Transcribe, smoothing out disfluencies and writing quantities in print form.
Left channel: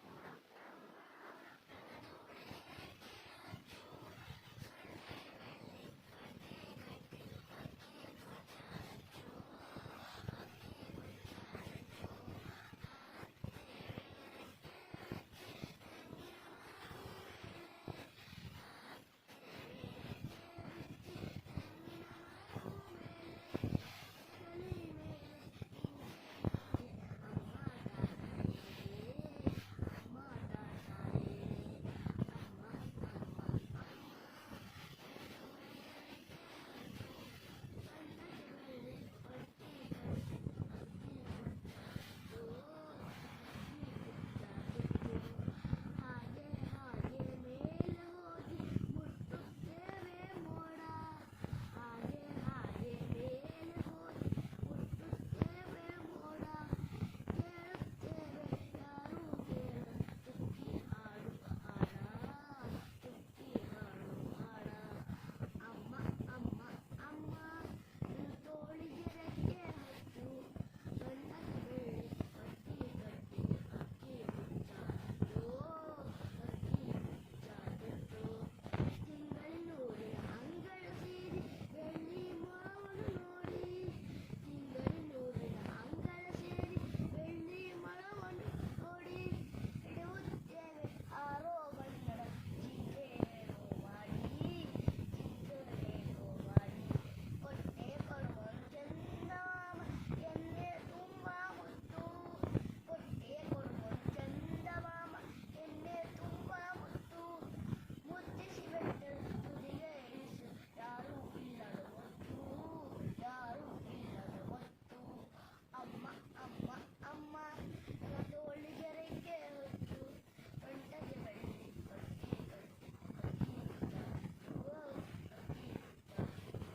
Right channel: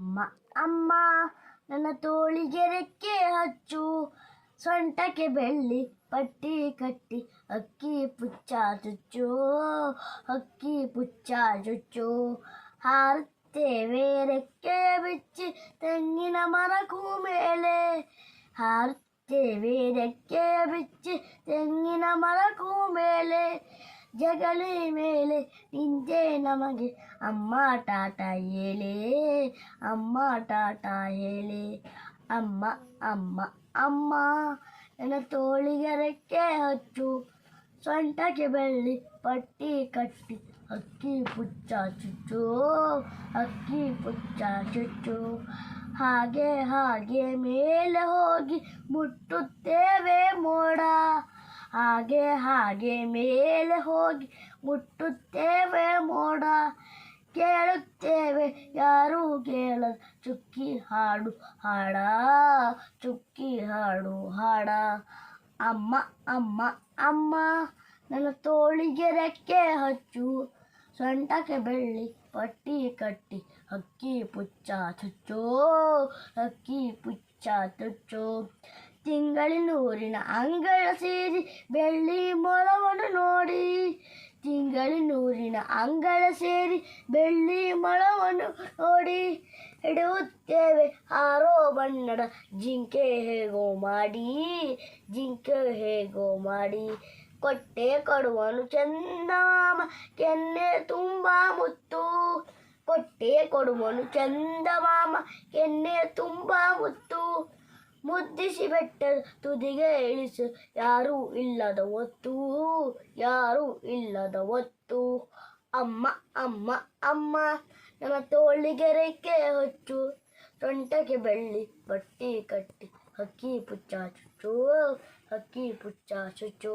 ಅಮ್ಮ ಅಮ್ಮ ನನ್ನ ತೋಳಿಗೆ ರೆಕ್ಕೆ ಹಚ್ಚು, ಸೊಂಟಕ್ಕೆ ಬೆಳ್ಳಿ ಪಟ್ಟಿ ಕಟ್ಟಿ, ಅಕ್ಕಿ ಪುಚ್ಚ ಚುಚ್ಚು, ಅಕ್ಕಿ ಪುಚ್ಚ ಚುಚ್ಚು. ಹಾರುತ್ತೇವೆ ರೆಕ್ಕೆಯ ಬಿಚ್ಚಿ ತೆಂಗಿನ ಮರಕ್ಕೂ ಮೇಲೆ, ಹಾರುತ್ತೇವೆ ರೆಕ್ಕೆಯ ಬಿಚ್ಚಿ ತೆಂಗಿನ ಮರಕ್ಕೂ ಮೇಲೆ. ಜಗಲಿ ಮೇಲೆ ನಿಂತೆ ನಮಗೆ ಅಮ್ಮ ಟಾಟ ಹೇಳಿ, ಅಮ್ಮ ಟಾಟ ಹೇಳಿ. ಅಮ್ಮ ಅಮ್ಮ ಅಮ್ಮ ನನ್ನ ತೋಳಿಗೆ ರೆಕ್ಕೆ ಹಚ್ಚು, ಸೊಂಟಕ್ಕೆ ಬೆಳ್ಳಿ ಪಟ್ಟಿ ಕಟ್ಟಿ, ಅಕ್ಕಿ ಪುಚ್ಚ ಚುಚ್ಚು, ಅಕ್ಕಿ ಪುಚ್ಚ ಚುಚ್ಚು. ಹಾಗೆ ಹಾಗೆ ಮೇಲೆ ಹೋಗಿ ಮುಟ್ಟುತ್ತೇವೆ ಮೋಡ, ಹಾಗೆ ಹಾಗೆ ಮೇಲೆ ಹೋಗಿ ಮುಟ್ಟುತ್ತೇವೆ ಮೋಡ. ಕೇಳುತ್ತೇವೆ ಯಾರೂ ಕೇಳದ ಚುಕ್ಕಿ ಹಾಡು ಹಾಡ, ಚುಕ್ಕಿ ಹಾಡು ಹಾಡ. ಅಮ್ಮ ಅಮ್ಮ ಅಮ್ಮ ನನ್ನ ತೋಳಿಗೆ ರೆಕ್ಕೆ ಹಚ್ಚು, ಸೊಂಟಕ್ಕೆ ಬೆಳ್ಳಿ ಪಟ್ಟಿ ಕಟ್ಟಿ, ಅಕ್ಕಿ ಪುಚ್ಚ ಚುಚ್ಚು, ಅಕ್ಕಿ ಪುಚ್ಚ ಚುಚ್ಚು. ತಿಂಗಳಿನೂರಿನ ಅಂಗಳ ಸೇರಿ ಬೆಳ್ಳಿ ಮೊಳವನ್ನು ನೋಡಿ, ತಿಂಗಳಿನೂರಿನ ಅಂಗಳ ಸೇರಿ ಬೆಳ್ಳಿ ಮೊಳವನ್ನು ನೋಡಿ. ಹಿಡಿಯುತ್ತೇವೆ ಆರೋ ಬಣ್ಣದ ಜಿಂಕೆ ಹೇಗೋ ಮಾಡಿ, ಜಿಂಕೆ ಹೇಗೋ ಮಾಡಿ. ಕೊಟ್ಟೆ ಕೊಡುವನು ಚಂದಮಾಮ ಕೆನ್ನೆ ತುಂಬ ಮುತ್ತು, ಕೊಟ್ಟೆ ಕೊಡುವನು ಚಂದಮಾಮ ಕೆನ್ನೆ ತುಂಬ ಮುತ್ತು. ಮುದ್ದಿಸಿ ಬೆಟ್ಟದ ತುದಿಗೆ ಇಳಿಸು ಯಾರೂ ಇಲ್ಲದ ಹೊತ್ತು, ಯಾರೂ ಇಲ್ಲದ ಹೊತ್ತು. ಅಮ್ಮ ಅಮ್ಮ ಅಮ್ಮ ನನ್ನ ತೋಳಿಗೆ ರೆಕ್ಕೆ ಹಚ್ಚು, ಸೊಂಟಕ್ಕೆ ಬೆಳ್ಳಿ ಪಟ್ಟಿ ಕಟ್ಟಿ, ಅಕ್ಕಿ ಪುಚ್ಚ ಚುಚ್ಚು, ಅಕ್ಕಿ ಪುಚ್ಚ ಚುಚ್ಚು.